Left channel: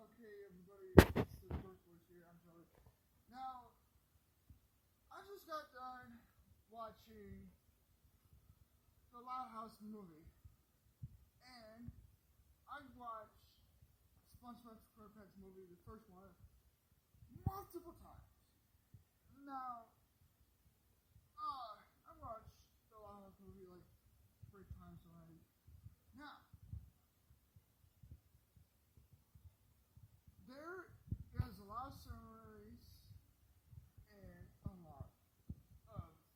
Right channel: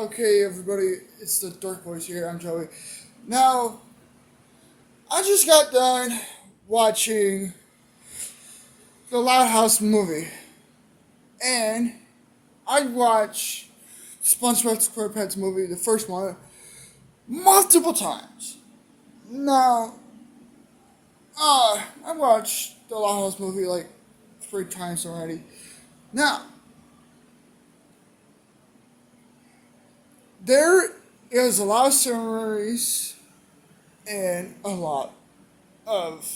Okay, everybody, it's the Dark Boys here. I'm Joey. Now, I just got done watching the Loud House movie, and I watched SpongeBob SquarePants movie, the first one, multiple times. Now, I watched the Loud House movie like 3 times already. Now, there is a lot of summaries and a lot of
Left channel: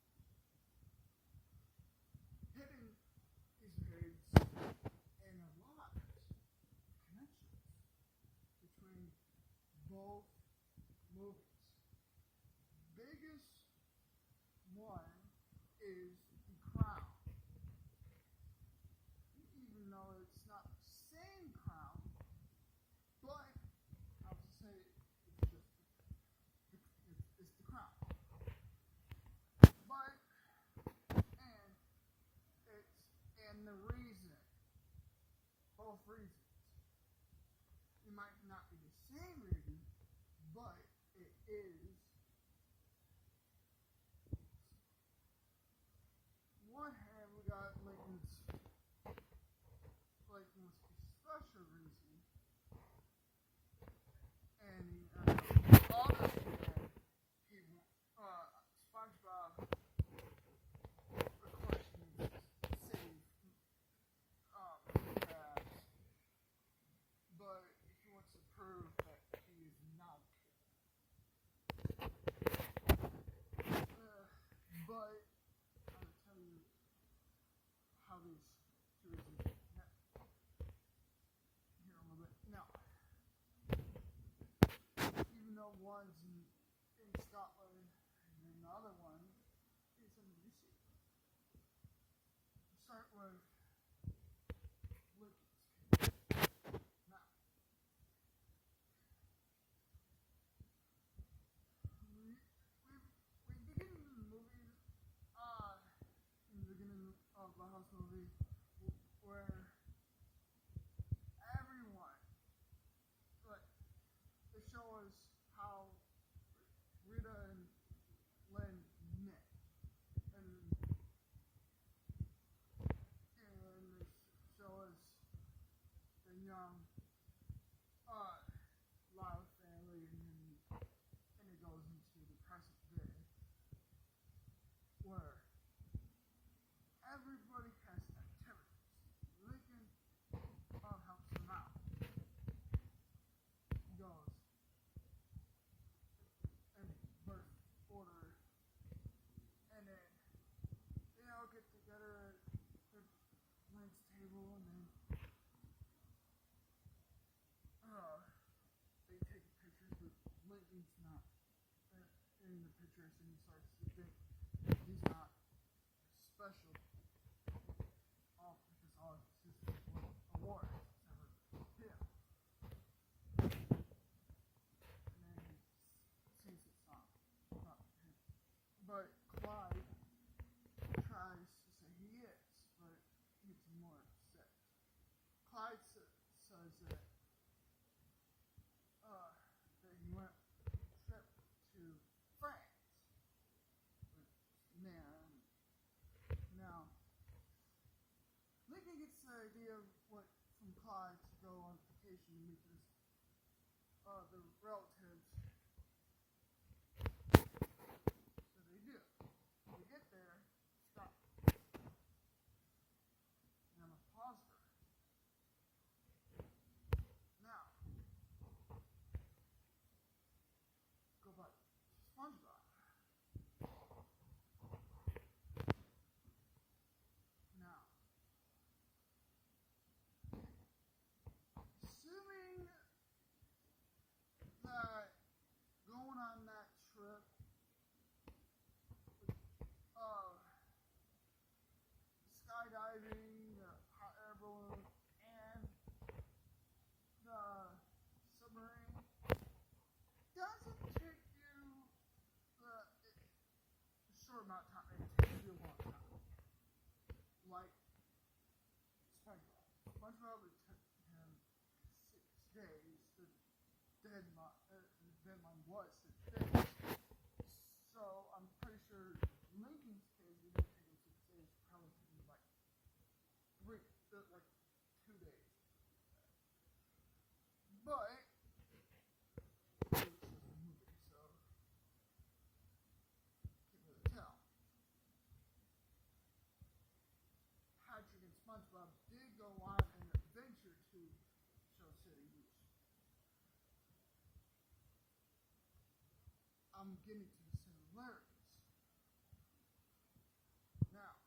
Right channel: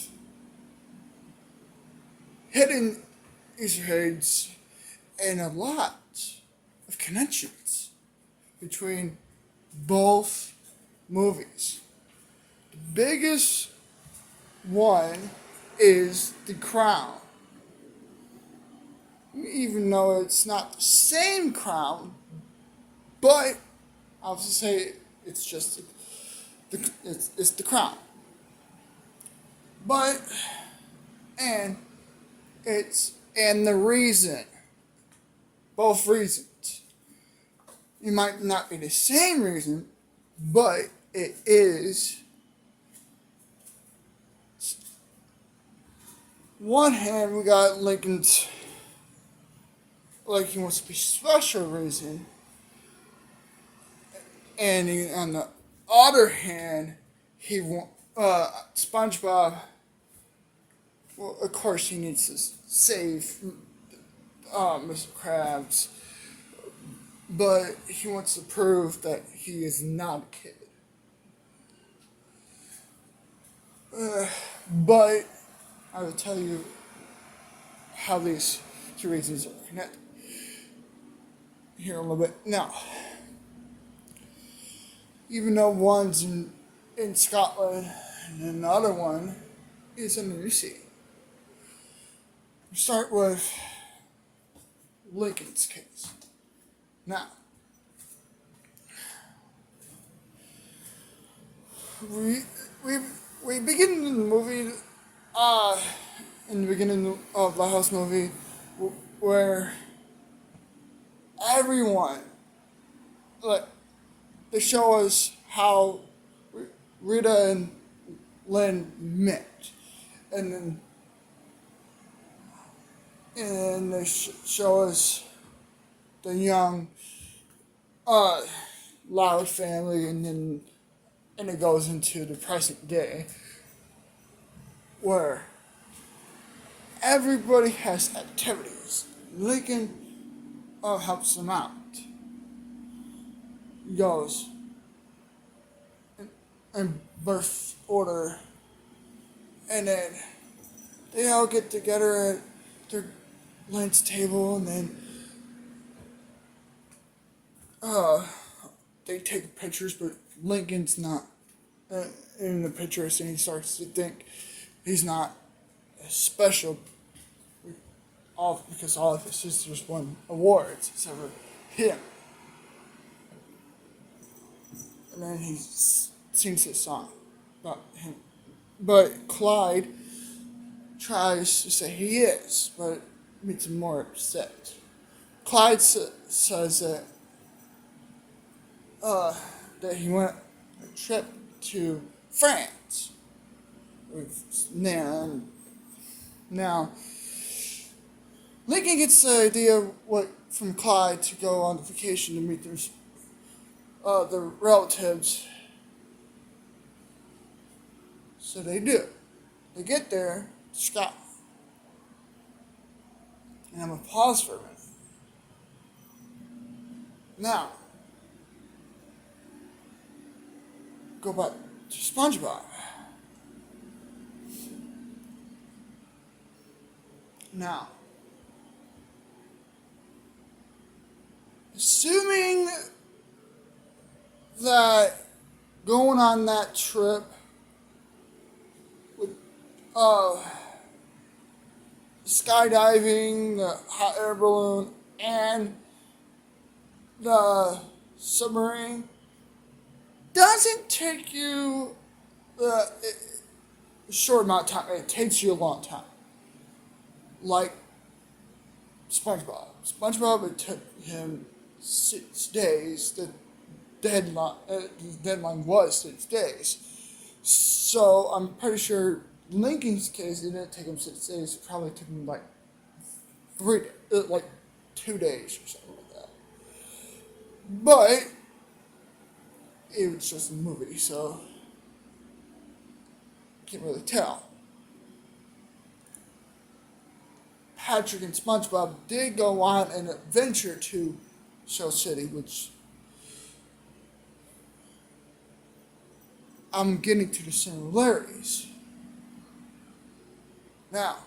hidden Easter eggs and a lot of connections between both movies. The biggest one is the crown. Even though it's not the same crown, but I'll just say it's just it's the crown. But and and the reason, both reasons, it might not be the same reason, but it is. One hand, we got Lincoln's, like he wants to be special reason, and on the other hand, he want SpongeBob. Well, of course, he needs to save Mr. Krabs, but he wants to prove that he is not a kid. But I will tell you how these two reasons are connected here a little bit. Now, even though one's in Scotland and another one is in the sea. We start with Lincoln's case. Now, we we begin the movie in the beginning of the house movie where everyone, like, they show us how Rita and Lynn met, and then they show us the young Loud family, and it goes into the present day where everybody has activities. Lincoln helps them out. He goes in birth order, and then they all get together at their lunch table, and then they take pictures, but Lincoln's not in the pictures, and he starts to think he's not special because all of his sisters won awards except for him. And then he sings his song about him. But Clyde tries to say he is, but makes him more upset. Clyde says that he went on a trip to France with Nan. Now, Lincoln gets the idea from Clyde to go on vacation to meet their relatives. So they do. They get there to Scotland. And I'm going to pause for a minute. Now, go back to SpongeBob. Now, assuming that going on that trip with skydiving, the hot air balloon, and the submarine doesn't take you a short amount of time. It takes you a long time. Like SpongeBob. SpongeBob, it took him 6 days to the deadline was 6 days. So I'm pretty sure Lincoln's case it didn't take him 6 days. It probably took him like like 2 days or something like that. But it was just a movie, so can't really tell. Patrick and SpongeBob did go on an adventure to Shell City, which I'm getting to the similarities. Now,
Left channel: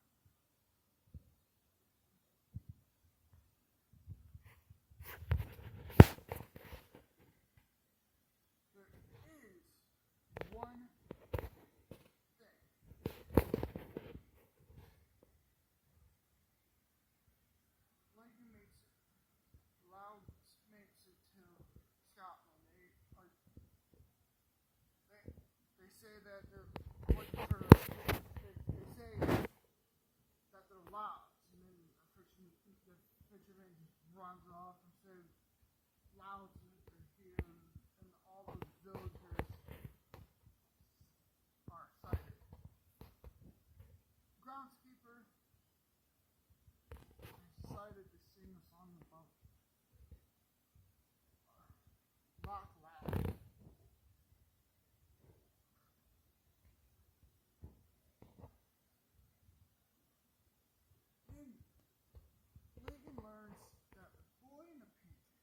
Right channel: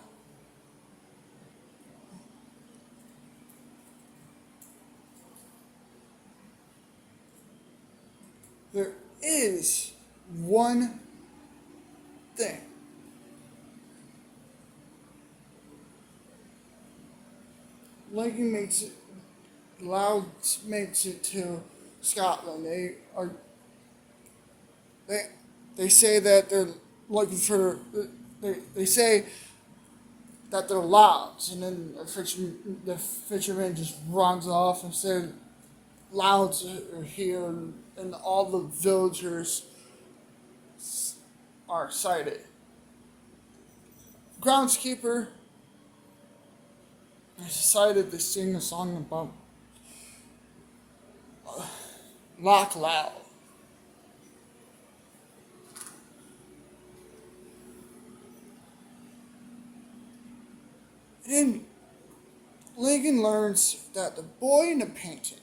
there is one thing. Lincoln makes it loud makes it to Scotland. They they say that they're looking for they say that they're louds, and then the fisherman just runs off and said louds are here, and all the villagers are excited. Groundskeeper decided to sing a song about Loch Loud. Then Lincoln learns that the boy in the painting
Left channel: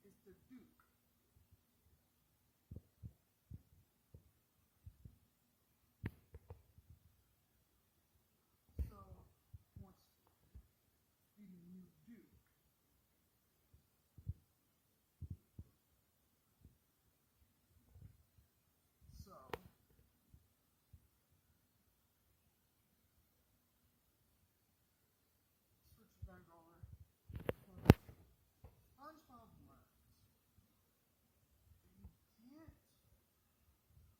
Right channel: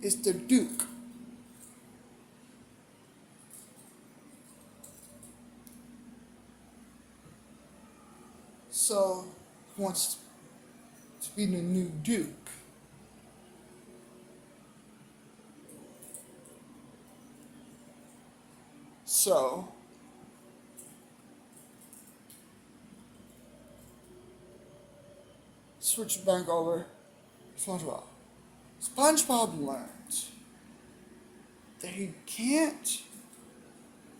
is the Duke. So he wants to be the new Duke. So switch back over to SpongeBob. SpongeBob learns that he can't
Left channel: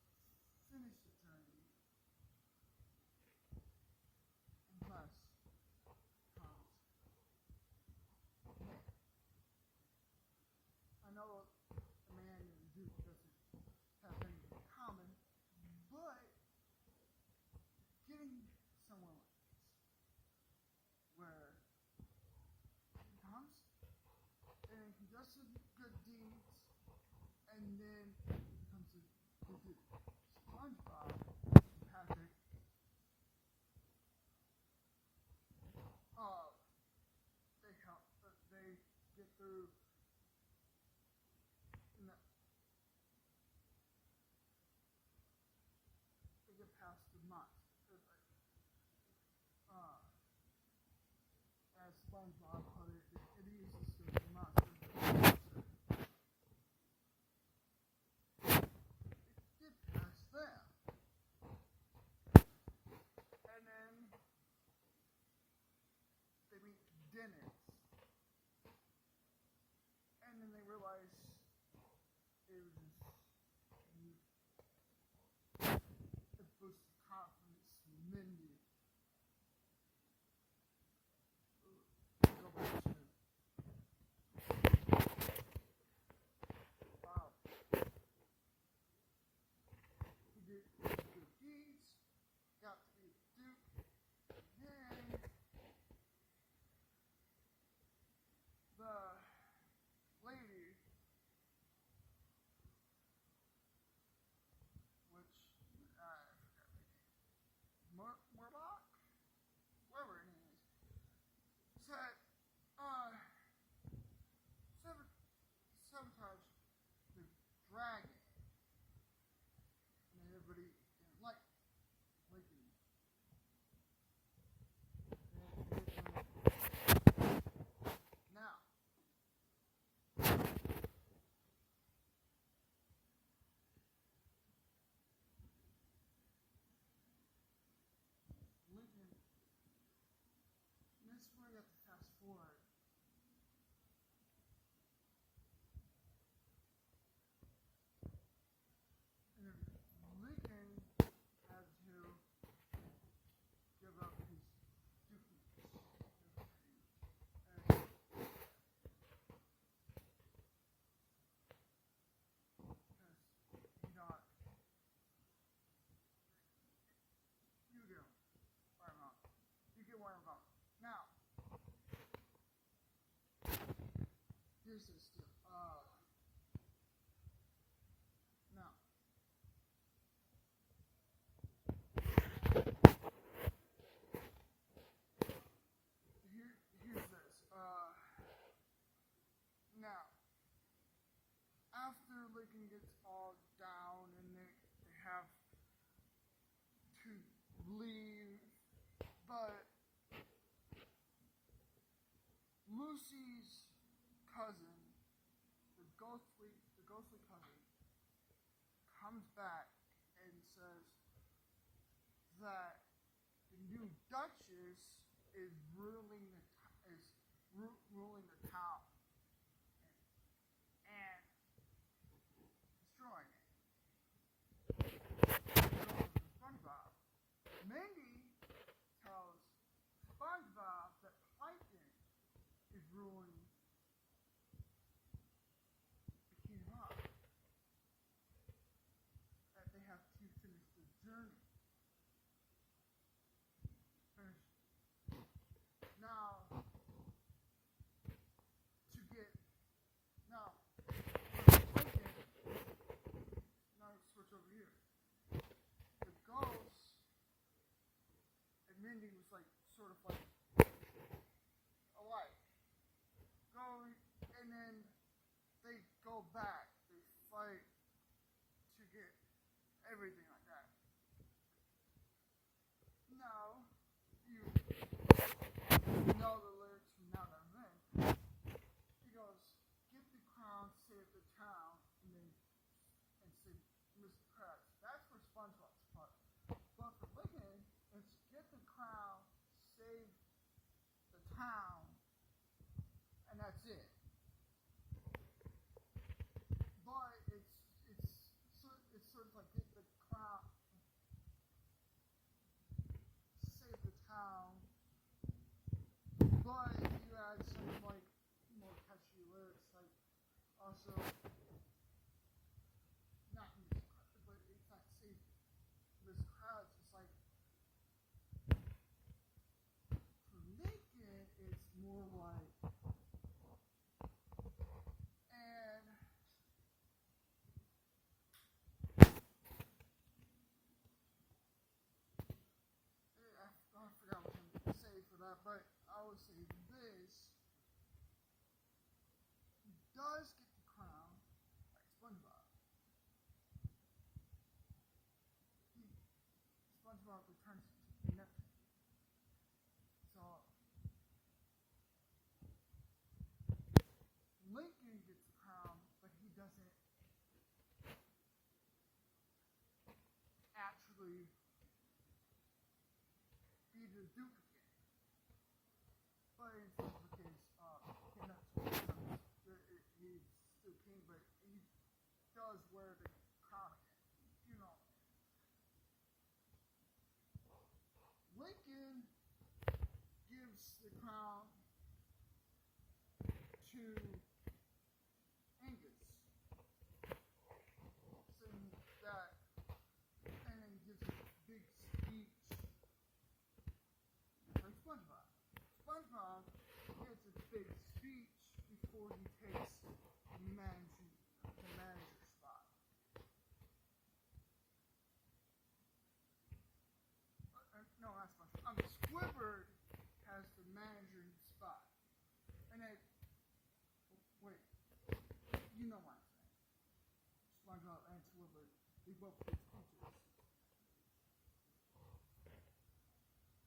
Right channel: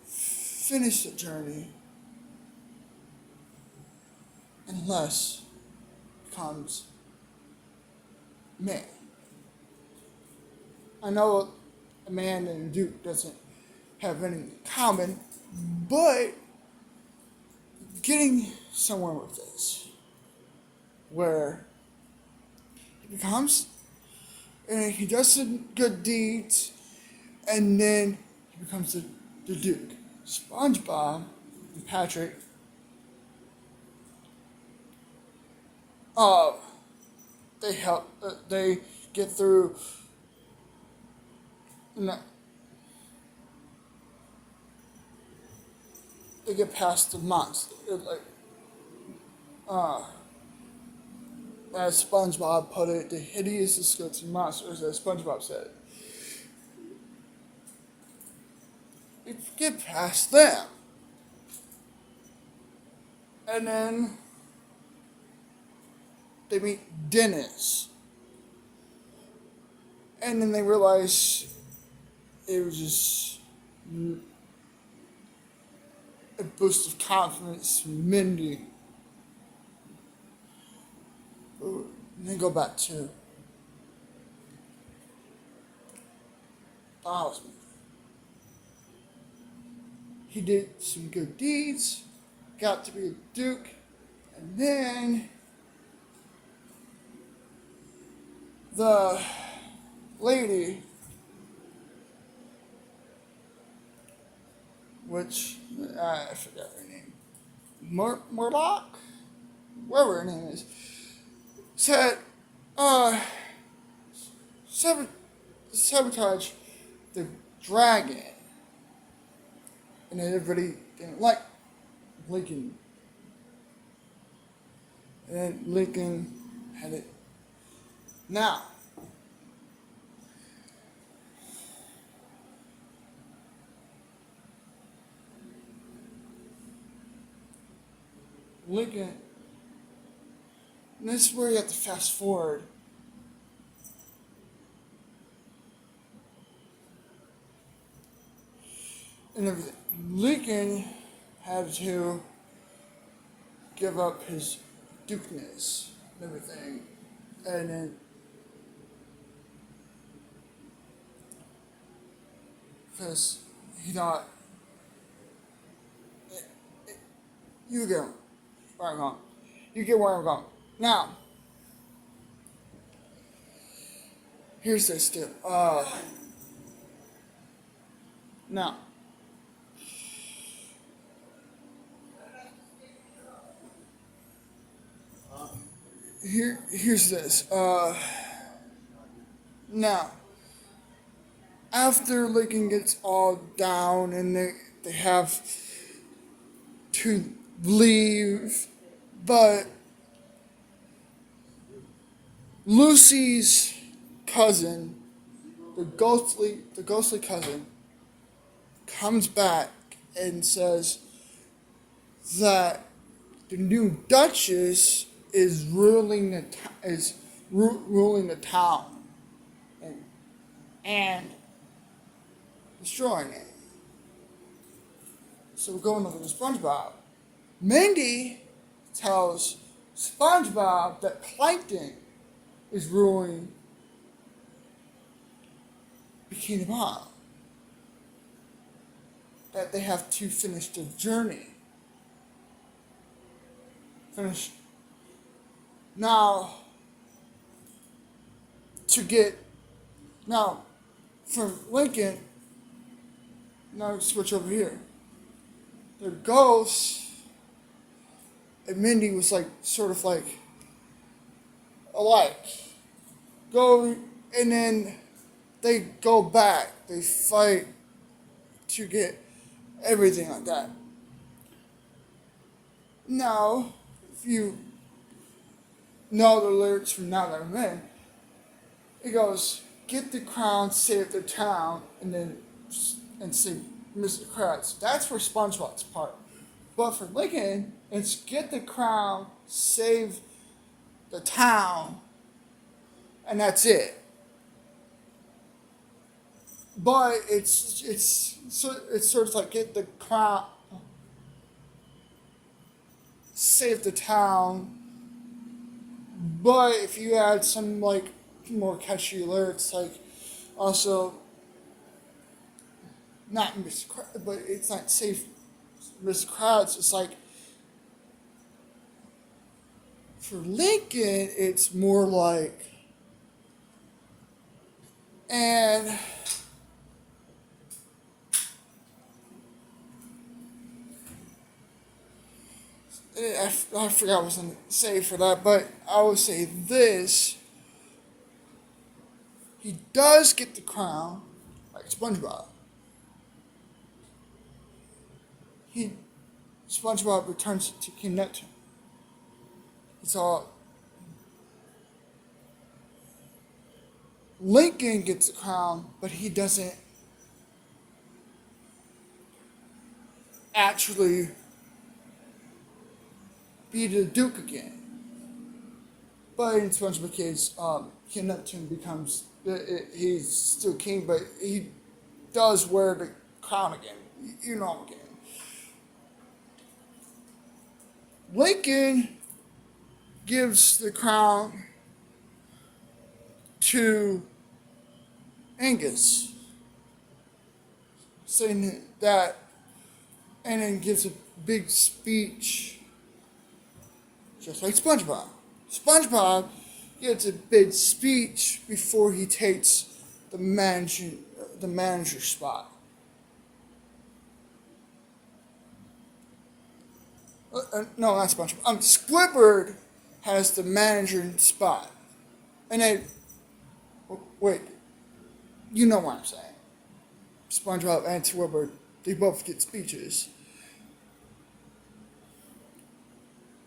finish the journey unless he becomes man. I know a man and a Duke doesn't have anything in common, but getting somewhere with this, where he becomes, and he does some good deeds, and then he becomes the Duke. SpongeBob and Patrick, they help, they get through, no, they get past the monster, as SpongeBob put it, the hideous, disgusting monsters, as SpongeBob said. We get past them. And then they meet Dennis. And then they realize it was just a boost of confidence from Mindy. Let me go back to Bowser. He did some good deeds, got to be a Duke, and then the lady, which I forgot her name, Murdoch, whatever her name is, said, sabotage the dragon. And everybody didn't like Lincoln. And Lincoln had it. Now, Lincoln, and this is where you have to fast forward. And everything. Lincoln had to give up his dukeness and everything. And then because he thought you get where I'm going. You get where I'm going. Now, here's this deal. Now, here's this. Now, after Lincoln gets all down and they have to leave, but Lucy's cousin, the ghostly cousin, comes back and says that the new Duchess is ruling the town and destroying it. So we're going over to SpongeBob. Mindy tells SpongeBob that Plankton is ruling Bikini Bottom. That they have to finish their journey. Finish. Now, from Lincoln, now switch over here. The ghost and Mindy was sort of alike. Go, and then they go back. They fight to get everything like that. Now, if you know the lyrics from Now That I'm In, it goes, get the crown, save the town, and sing Mr. Krabs. That's for SpongeBob's part. But for Lincoln, it's get the crown, save the town, and that's it. But it's sort of like get the crown, save the town. But if you add some more catchy lyrics, also not Miss Krabs, but it's not save Miss Krabs. It's for Lincoln, it's more and I forgot what I was going to say for that, but I would say this. He does get the crown, like SpongeBob. SpongeBob returns it to King Neptune. It's all. Lincoln gets the crown, but he doesn't actually be the Duke again. But in SpongeBob case, King Neptune becomes he's still king, but he does wear the crown again. You know him again. Lincoln gives the crown to Angus, saying that, and then gives a big speech, just like SpongeBob. SpongeBob gets a big speech before he takes the manager spot. No, not SpongeBob. Squidward has the manager spot, and then wait, you know what I'm saying. SpongeBob and Squidward, they both get speeches,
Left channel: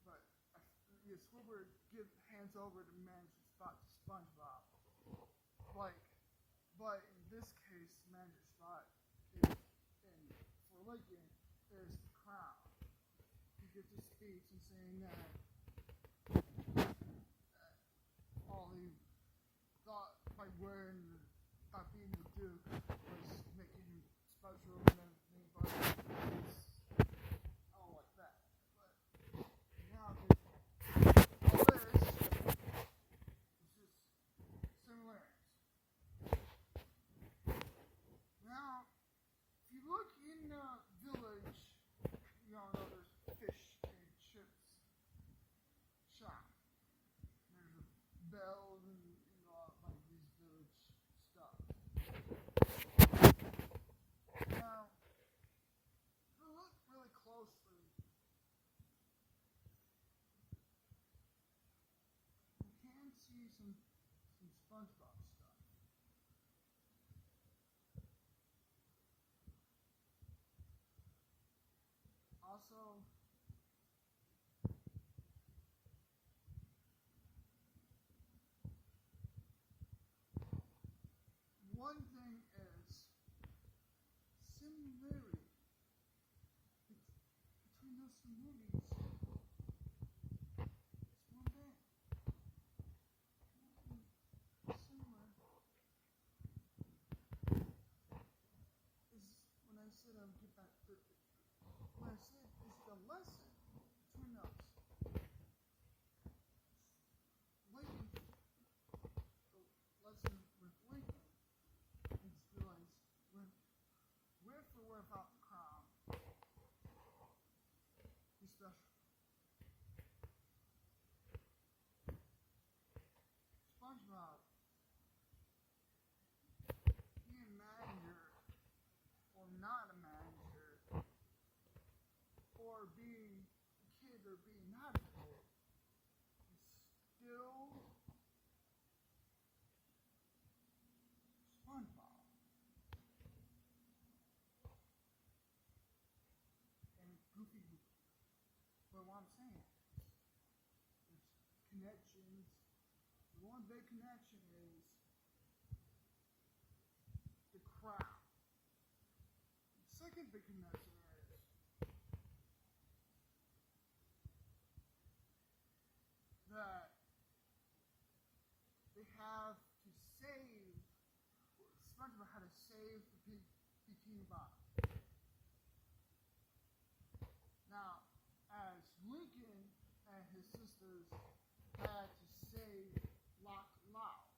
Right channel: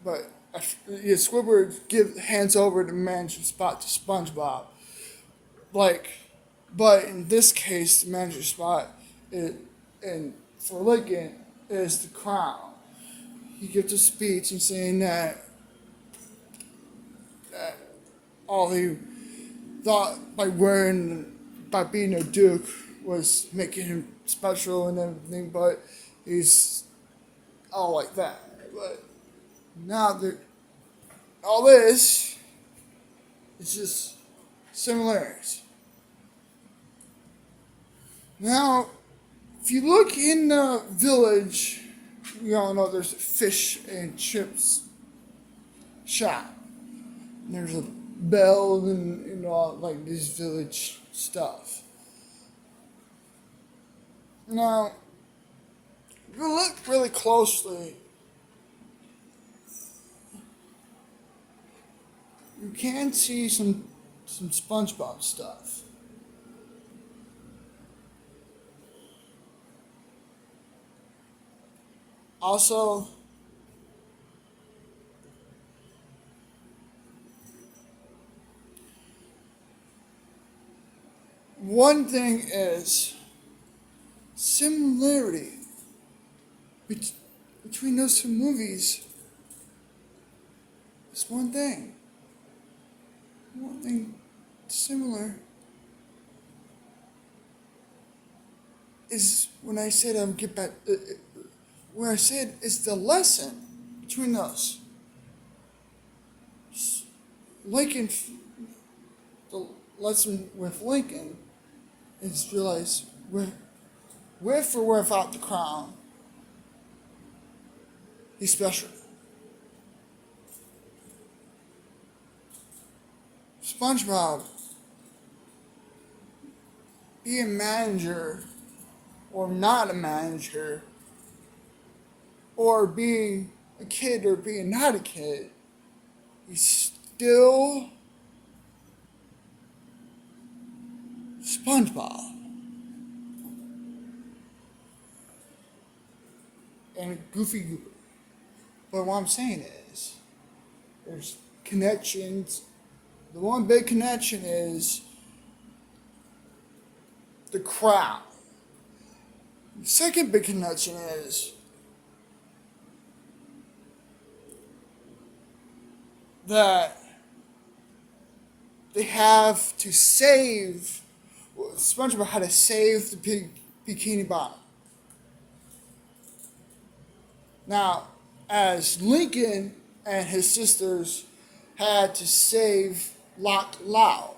but Squidward hands over the manager spot to SpongeBob. But in this case, the manager spot and for Lincoln is the crown. He gives a speech and saying that all he thought by being a Duke was making him special and everything, but he's all like that. But now that all this is just similarities. Now if you look in the village, you all know there's a fish and chips shop. There's a bell and all like this village stuff. Now, if you look really closely, you can see some SpongeBob stuff. Also, one thing is similarity between those two movies. It's one thing. One thing similar is when I said get back. When I said it's the lesson between us. Lincoln, the lesson with Lincoln is realize with or without the crown, he's special. SpongeBob, being a manager or not a manager, or being a kid or being not a kid, he's still SpongeBob. And Goofy Goober. But what I'm saying is, there's connections. The one big connection is the crowd. The second big connection is that they have to save, SpongeBob had to save the Bikini Bottom. Now, as Lincoln and his sisters had to save Lock Loud.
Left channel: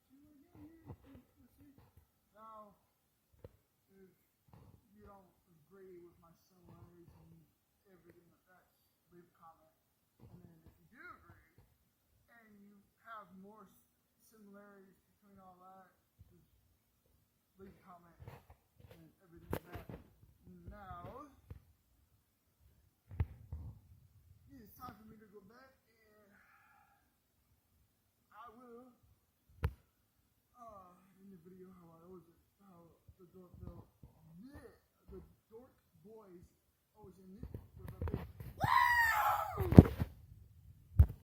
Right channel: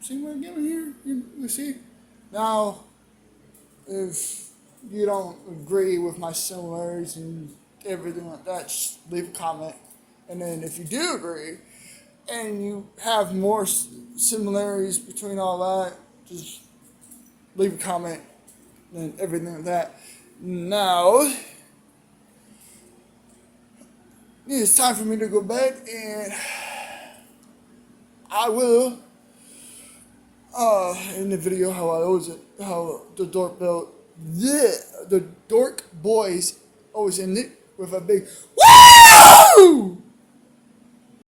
See what I'm getting here? You see? Now, if you don't agree with my similarities and everything like that, just leave a comment. And then if you do agree, and you have more similarities between all that, just leave a comment and everything like that. Now, it's time for me to go to bed, and I will, in the video how the dork built, the dork boys always end it with a big woo!